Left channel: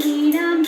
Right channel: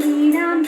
പാടിടാം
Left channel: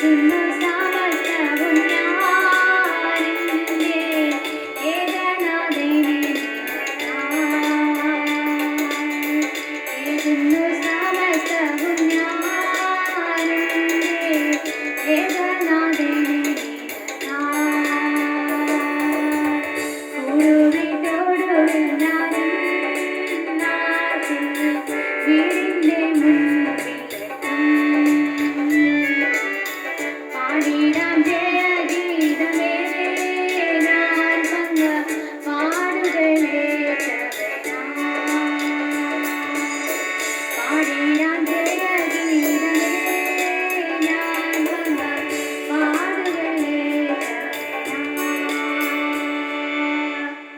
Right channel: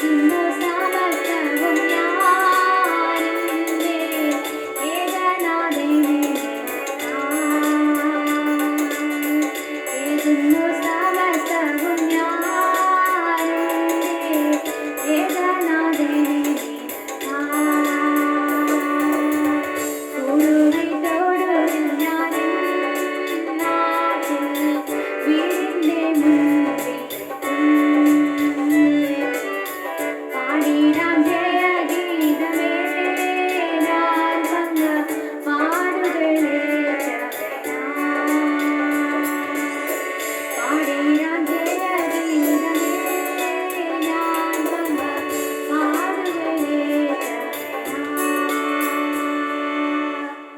tonight.